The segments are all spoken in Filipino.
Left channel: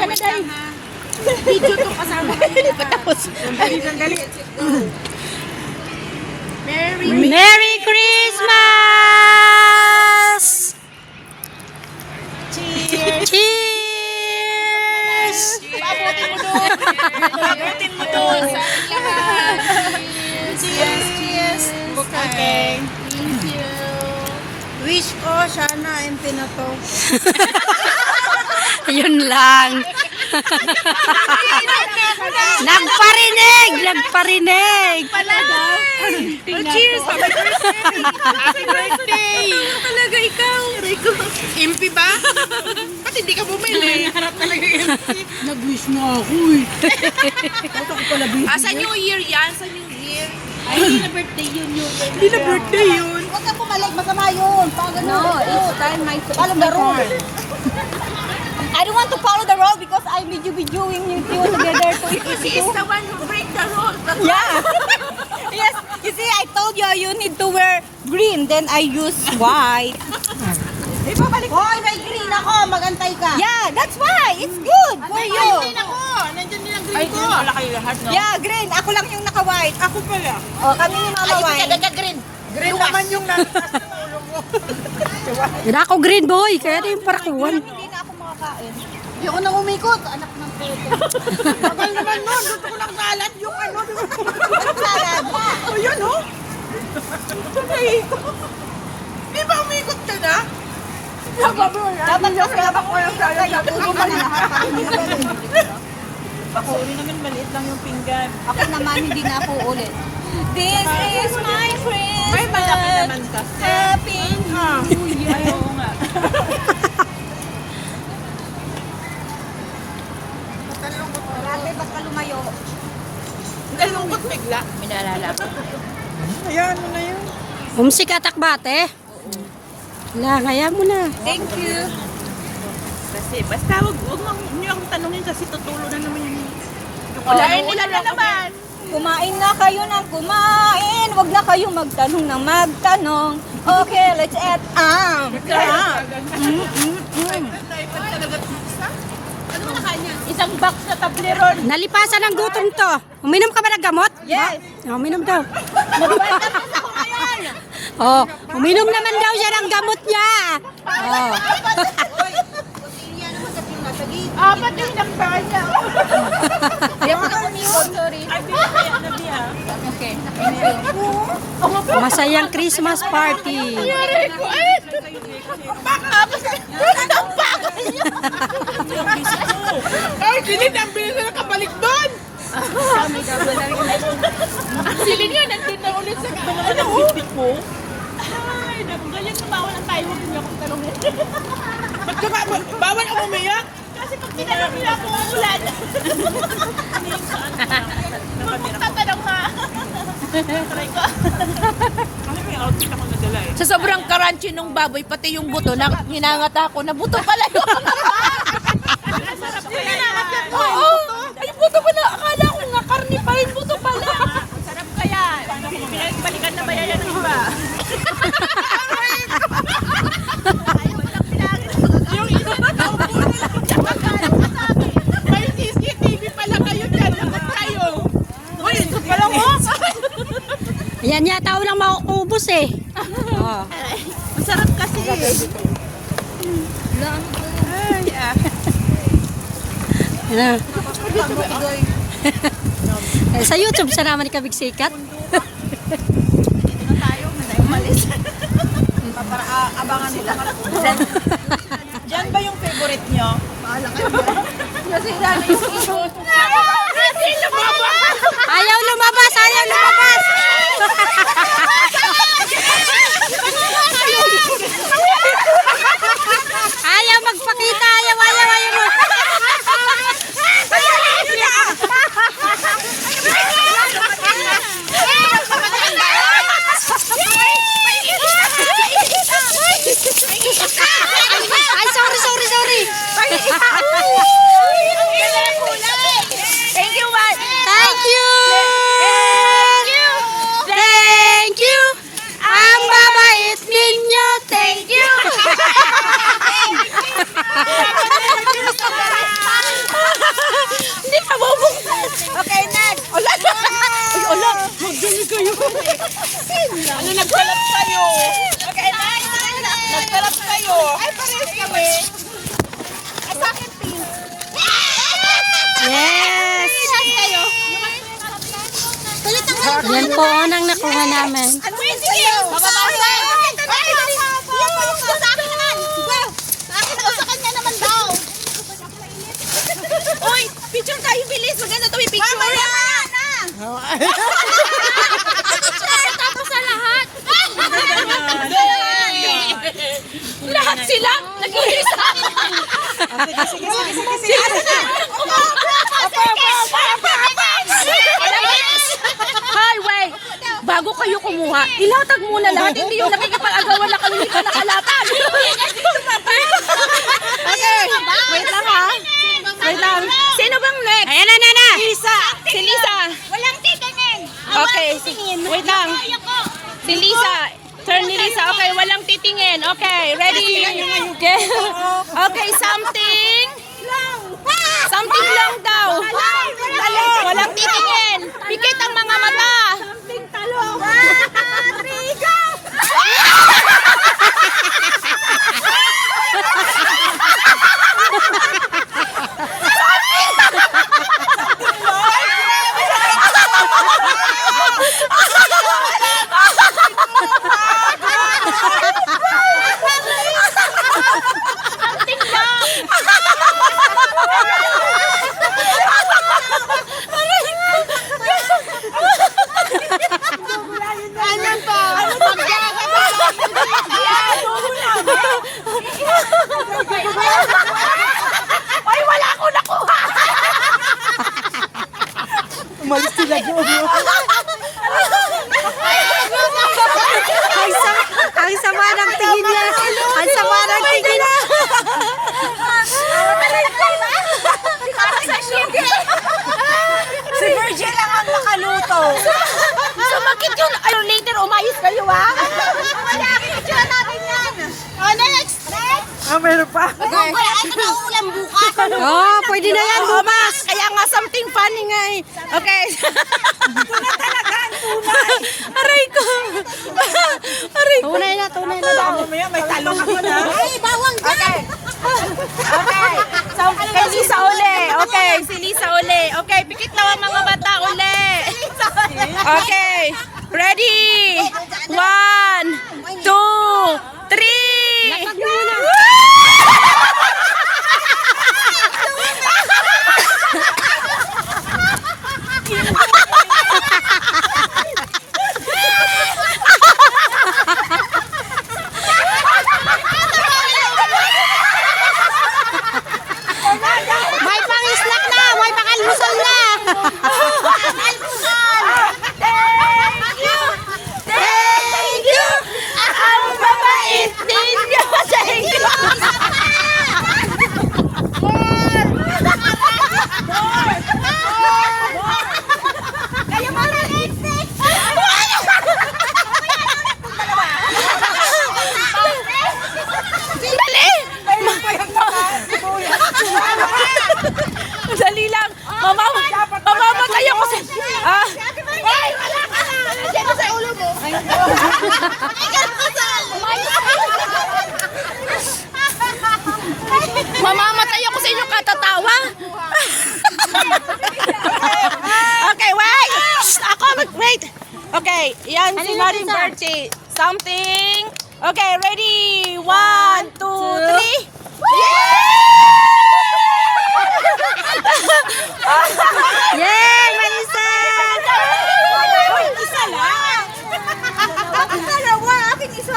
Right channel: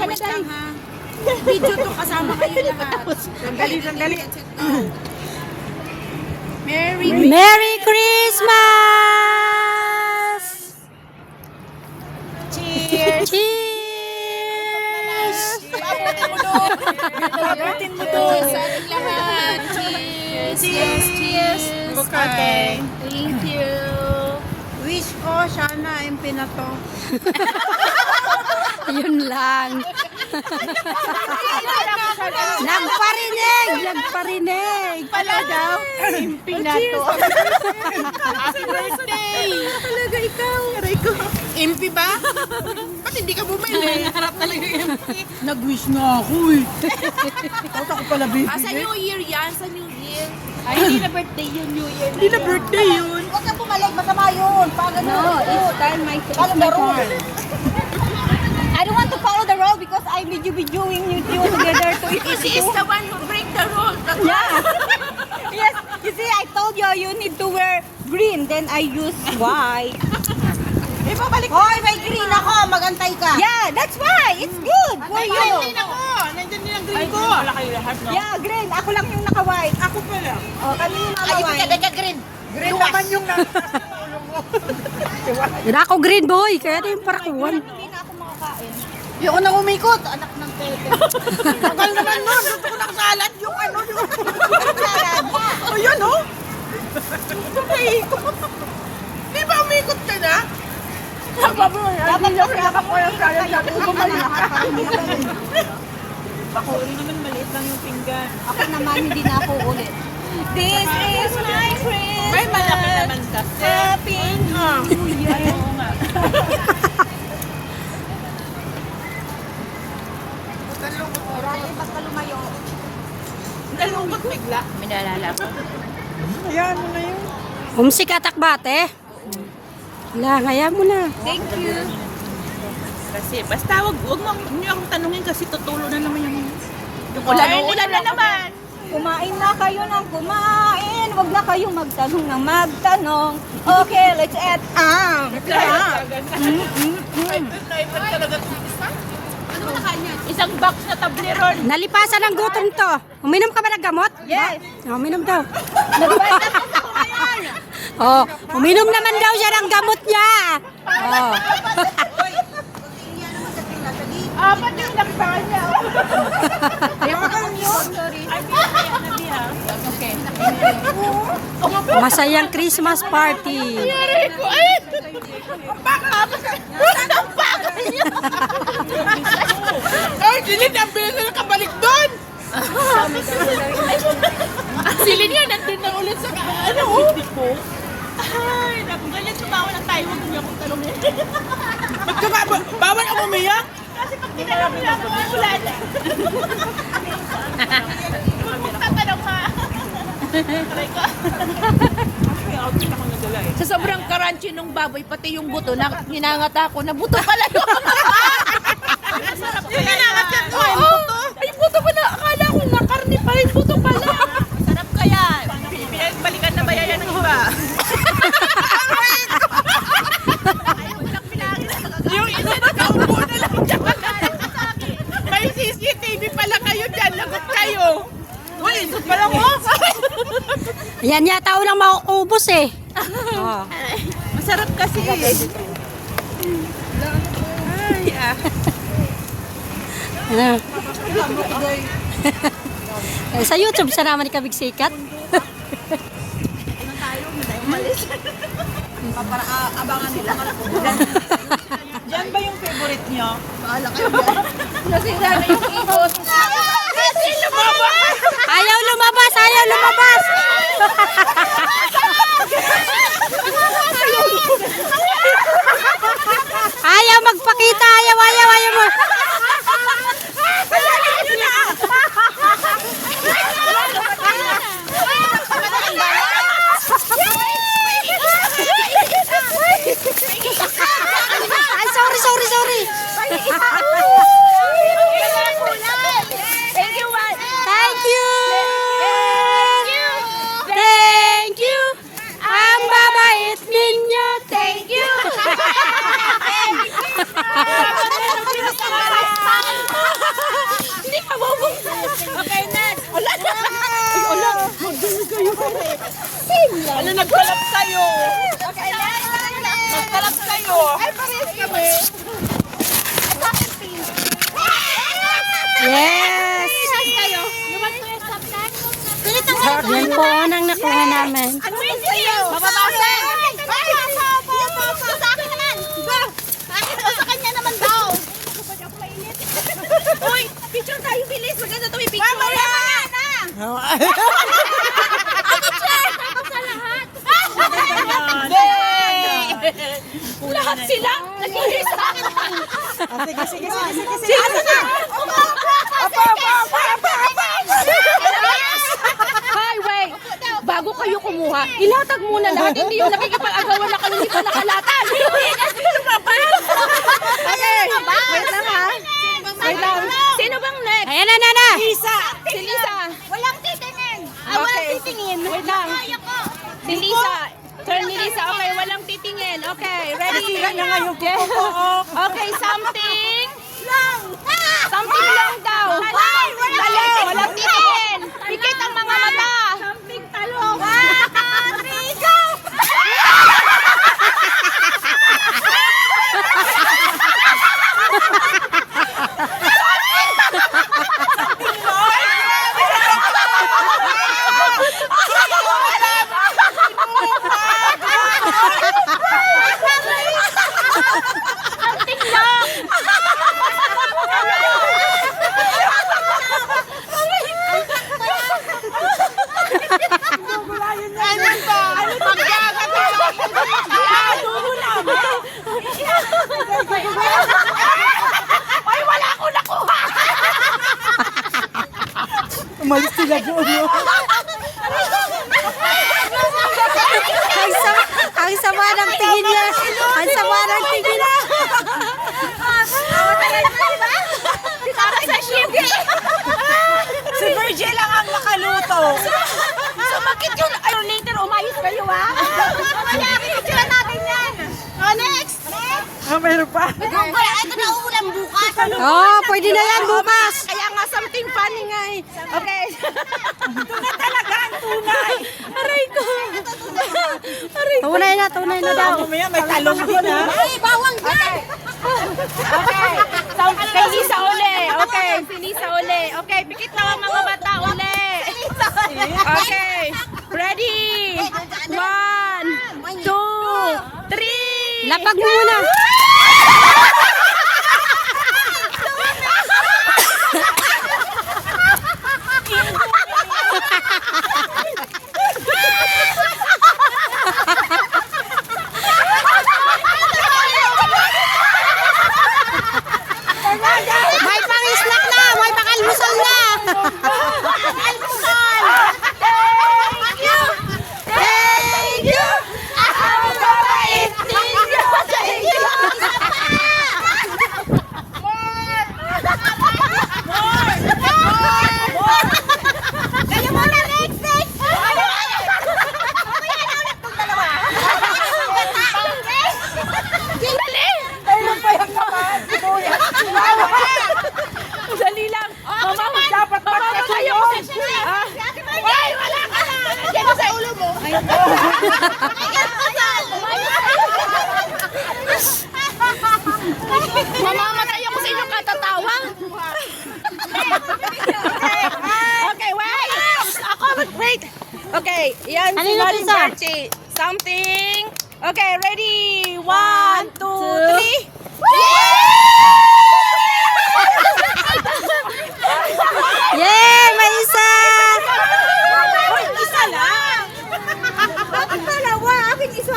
ka na tayo. Video to kasama ko. Sandali. Merry Christmas! Cheers! Cheers! Pagatin mo doon. Cheers! Okay. Thank you. Wish ko, sana MP na to. Yun lang. Nagparinig! Pala daw. Cheers! Happy birthday! Talaga ikaw. MP ba? Ba't hindi ka bumili? Nag-wish nga ako eh. Bakit ako pala busy? Sa New Year yan? Sa New Year? Ay, hindi na birthday yun, New Year. Hindi na birthday yun. Huwag ka pumalag, masama yun. No, it's time my follow the rule. I don't want to follow the rule because I'm videoing with you together. She is the one who break the rule. Yeah. Yes. You see, I told you you need to wear green. Then I use white. Di ba balik? Hoy, may green ako. Magantay ka. Yeah, that's why. It's good for you. Green ako. Nandiyan din ang green ko. Wala kayo lahat, no? Yeah, green. Ako lang yung naka-white. Ako pala. Oh, kami ni Mama White. green. Green naman yung Ako green boy, kaya na yung parakuan. Hindi na ako makakain. Yung unang umikot, anak ng tete. Tagal naman nun. Gusto ko ng salad yung ano. Salad. O yun, oh. Di ba umikot ka na? Dapat ko yung salad. Sabi ko bumalik ka. Bakuri naman maliit lang yung pinggan. Ako naman, hindi na ako ulit. This is my Christmas. Ay, malaki naman kasi. Happy New Year. Ay, oo nga. Dati baka lumayo. Nalungkot bigla. May naalala ko. Ayan mo na yun. Humsik atak bate. Wala, kaya mo na. Thank you. Kasi basta wag niyo akong tanungin kasi tutulo na naman yun. Walain nila na naman. Kumain na kayo ng kumain. Huwag na kayong magtanong ng magtanong. Okay, let's eat. Sarap. Naipag talaga isa? Ano mo nakain niya? Isang box na tableron. Nalipasan ng gutom to. Uminom ka ba ng gamot? Yes. Uminom daw. Nag-vitamins ako ngayon. Oh, uminom naman daw siya ng gamot niya. Oh. Apat yung lakbahan niya. Ay, binigyan na biya. Okay. Masayang Christmas party. Ay, silid ang bilis na nakabalik doon. Silid niya, nandun na ulit sa ano, hindi ko. Ay, galing tumawa na tayo. Huwag niyo akong tanongin. Ba't ka nga, bawal ako umiyak? Kasi pag tinanong niya ako, uulan. Huwag magtatanong ha. Try ko. Sa sobrang crunchy nung baboy, pati yung buto, hinangat ako na buto pala yun. Hinangat yan. Oo. Ay, buto pala. Akala ko nga karni pa rin, buto pala. Sarap kaya. Balikan na ba yan ng iba? Yung isa nakaupo na lang dyan. May CCTV pala kayo dyan. Lakas kayo. Uy, ito pala mo. Yan yata unang makuubos eh. Oh. Masarap kasi yun. Ano? Sa YouTube sa naman ikabig sikat. Abangan sila. Diyan ba yung favorite nyo? Nasira na yung isos. Ayaw lumabas, ayaw lumabas. Ayaw magpakita, ayaw mo. Ay, sorry. Thank you, man. Thank you. Thank you. Ang babait ninyo. Thank you. Okay, next. Ala! Magaling kayo. Ano, nagkalap kayo? Okay, next. Nagkalap kayo. Ay, parehas kami. Ay, sa akin, pink. Yes! kayo. Galit ang Yan po ang nakuha namin. Ano yun sa'yo? Mababasan. Ay! Sa akin naman. Sige. Sa akin o sa kanya naman daw. Uy, picture tayo, bilis. Maganda ito, may picture. Mamaya na. Share, tapos sa lahat. Lahat sila. Nag-iisa. Sige. Hi, wait. Bago kayo kumuha, ilatag muna lahat. Hindi yung nakikipag-agawan na kayo dito nakalatag. Okay. Wait lang ha. Wait lang. Sino bang next? Ayan na. Lisa. Si Lisa. Walang titingin. Okay. Wait lang. Si Lisa. Turn ni Lisa. Okay, walang titingin. Okay, ready? Okay, something. Something lang daw. Walang titingin. Pikit ang mga mata. Something talong. 1, 2, 3, go! Ano ba? Magjaga pa Ay, wala ako nakuha! Umalis sila doon. Ang sama ng tingin niya. Ang sama ng tingin niya. Para sa siyempre! Si Virgil lang ang makaluto. Sumakit yun! Ay, later, umayos kayo ha! Picture natin yan! Oh, next! Meron pa. Google, ay, ito na uulan bukas! Oh, pwede na yan bukas. Kaya nga something funny nga eh. Okay. Tuna talaga ang tunay. Aray ko. Aray ko. Tunay na daw. Mamaya may talong din ha. Ay, bawang dyan! Kay Lisa uli. Okay, si Lisa uli. Okay, pikit na ang mga bata uli. Okay. Ready? 1, 2, 3. Lapag mo muna. May pang-snack na, may pang-almusal na. Almusal! Thank you! Thank you! Ang babait ninyo sa inyo! Isa pa! Kayo mo na next! Dali! Ano pa yung kamaan? Dali lang. Mamamatay ako sa... Ah? Ay, wala ka na! Nandiyan sa ulo mo! Mamamatay ako sa inyong katatawa. Okay, wait. Ako wait. Okay, yan si Maring birthday. Something. Okay, ready? 1, 2, 3. Yay, may isa. Isa lang! Bakit dalawa? Akin isa!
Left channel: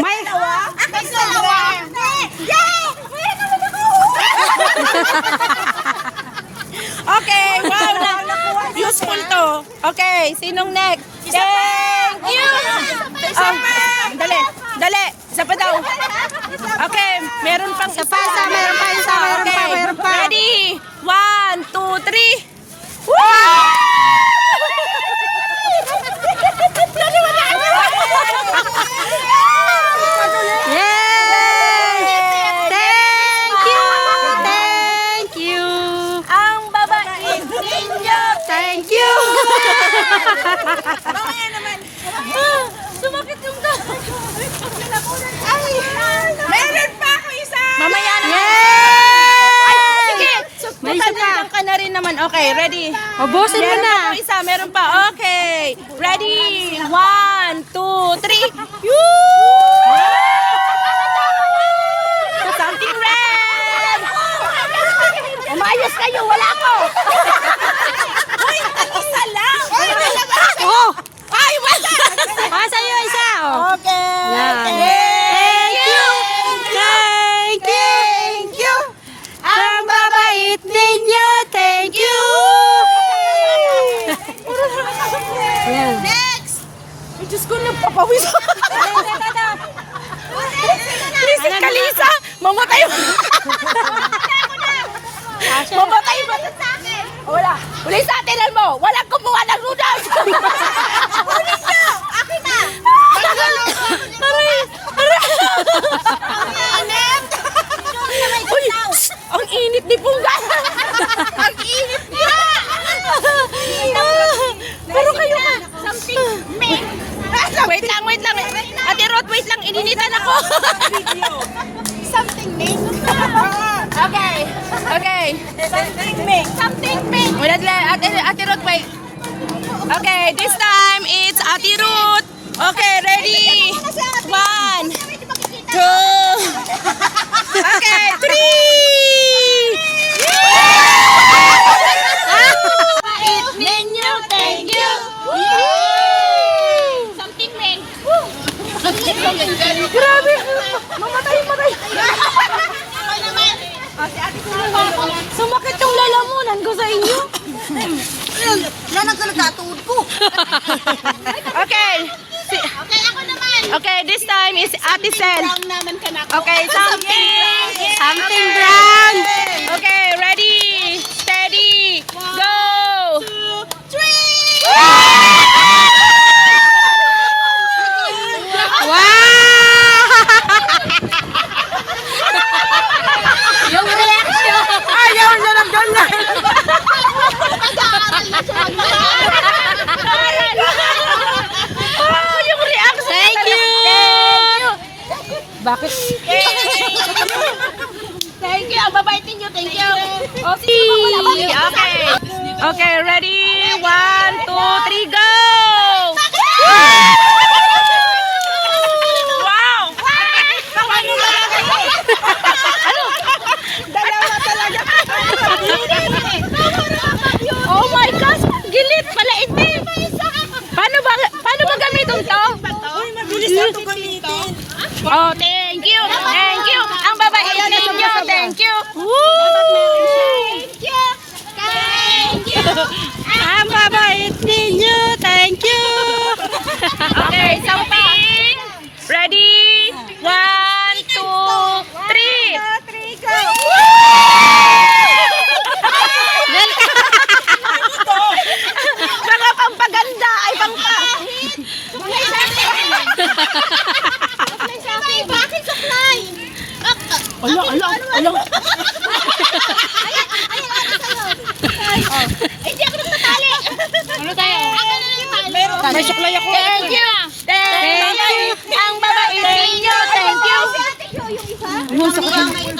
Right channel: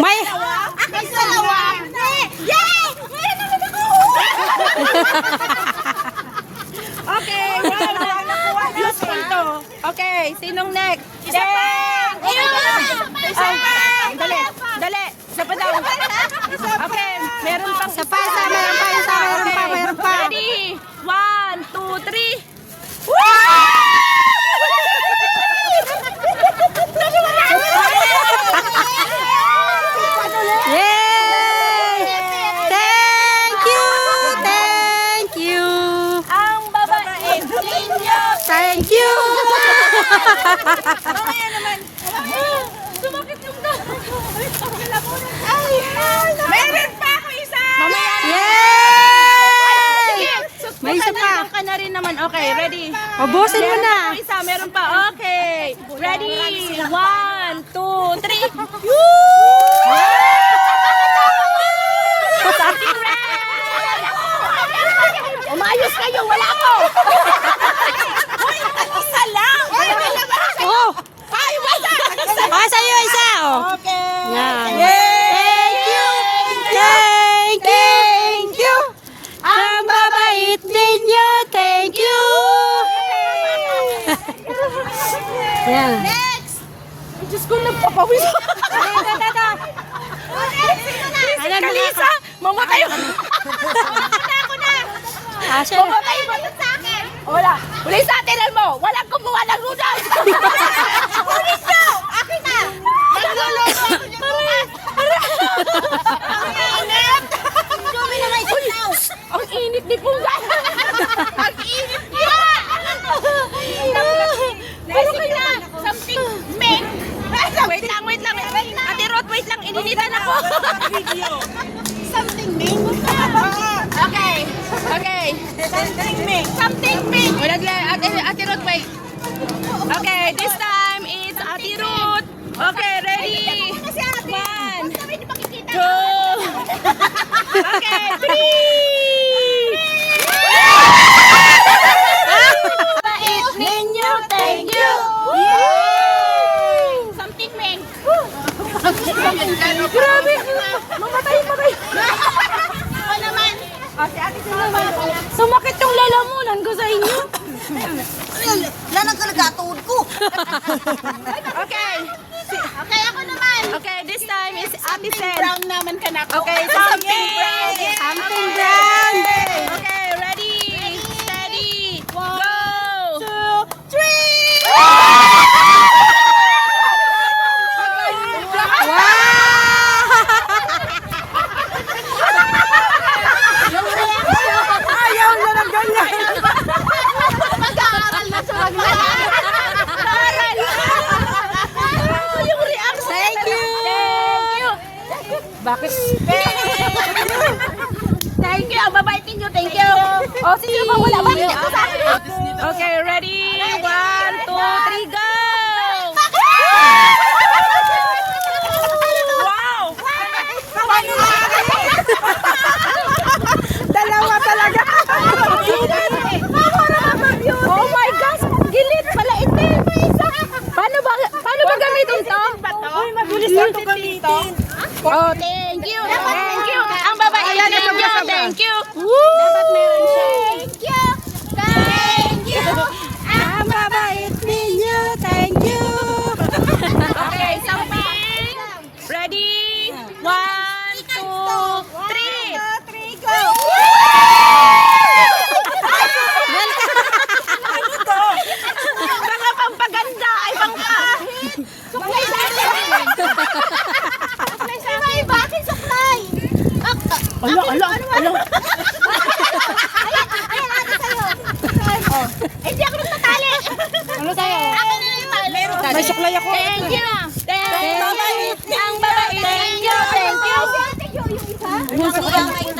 May Akin dalawa! Yay! Meron naman ako! Okay, wow. Useful to. Okay, sinong next? Isa pa! Isa pa! Dali. Isa pa daw. Okay, meron pang isa pa, mayroon pa. Ready? 1, 2, 3. Yay! Thank you. Ang babait ninyo Mamaya naman. Sumakit yung meron pa ako isa! Mamaya na. Yay! May isa pa. Ka na rin naman. Okay, ready? Ubusin mo na. Isa, meron pa. Okay. Ready? 1, 2, 3. Something red! Umayos kayo, wala ko! Uy, isa lang! Oh! Ay, wala! Sa'yo isa, oh. Okay. Yan. Thank you! Thank you! Thank you! Ang babait ninyo! Thank you! Yan. Next! Ay, Diyos ko, nagpapawis. Please, Kalisa! Mamatay mo! Mamatay mo sa akin! Wala! Pulis sa atin mo! Walang kumuha ng noodles! Pulis ko! Akin na! Magluluto ako niya! Ang init! Jogi na may kitaw! Ang init ni Pungga! Ang init niya! Pero kayo something make. Wait lang. Ate Rod, wait lang. Ininitan ako. Something make. Okay. Something make. Wait lang. Ate Rod, wait. Okay, this time it's Ate Rod. Okay, ready? 1, 2. Okay, 3. Bait ninyo, thank you. Something meng. Grabe. Mamatay. Ako naman. O, si Ate Sinuman. Sumakit yung lalamunan ko sa inyo. Lalang ka nagkatuod ko. Okay. Okay, ako naman. Okay, this time is Ate Sen. Brown naman ka na. Okay, something brown. Something brown. Okay, ready, steady, go! 1, 2, 3! Wow! Yung reaction! Ayaw na lang ganyan. Oh, yung reaction! Thank you! Bakit? Thank you! Ang babait ninyo, thank you! O, sige ba wala ba? Okay, ready? 1, 2, 3, go! Wow! Dalawa talaga! Oh my gosh! Gilit! Malait eh! Paano ba gamitin to? Uy, mabilis na ito gamitin. Oh, thank you! Thank you! Ang babait ninyo! Thank you! Thank you! Thank you! Ang babait ninyo. Thank you. Okay, something. Ready? 1, 2, 3. Mga pampaganda ay pangkahit. Suklay. Bakit suklay? Ala. Hindi ako nagpatali. Ano tayo? Ako na yung tali. May suklay ako. Thank you. Thank you. Ang babait ninyo. Thank you. Yung suklay.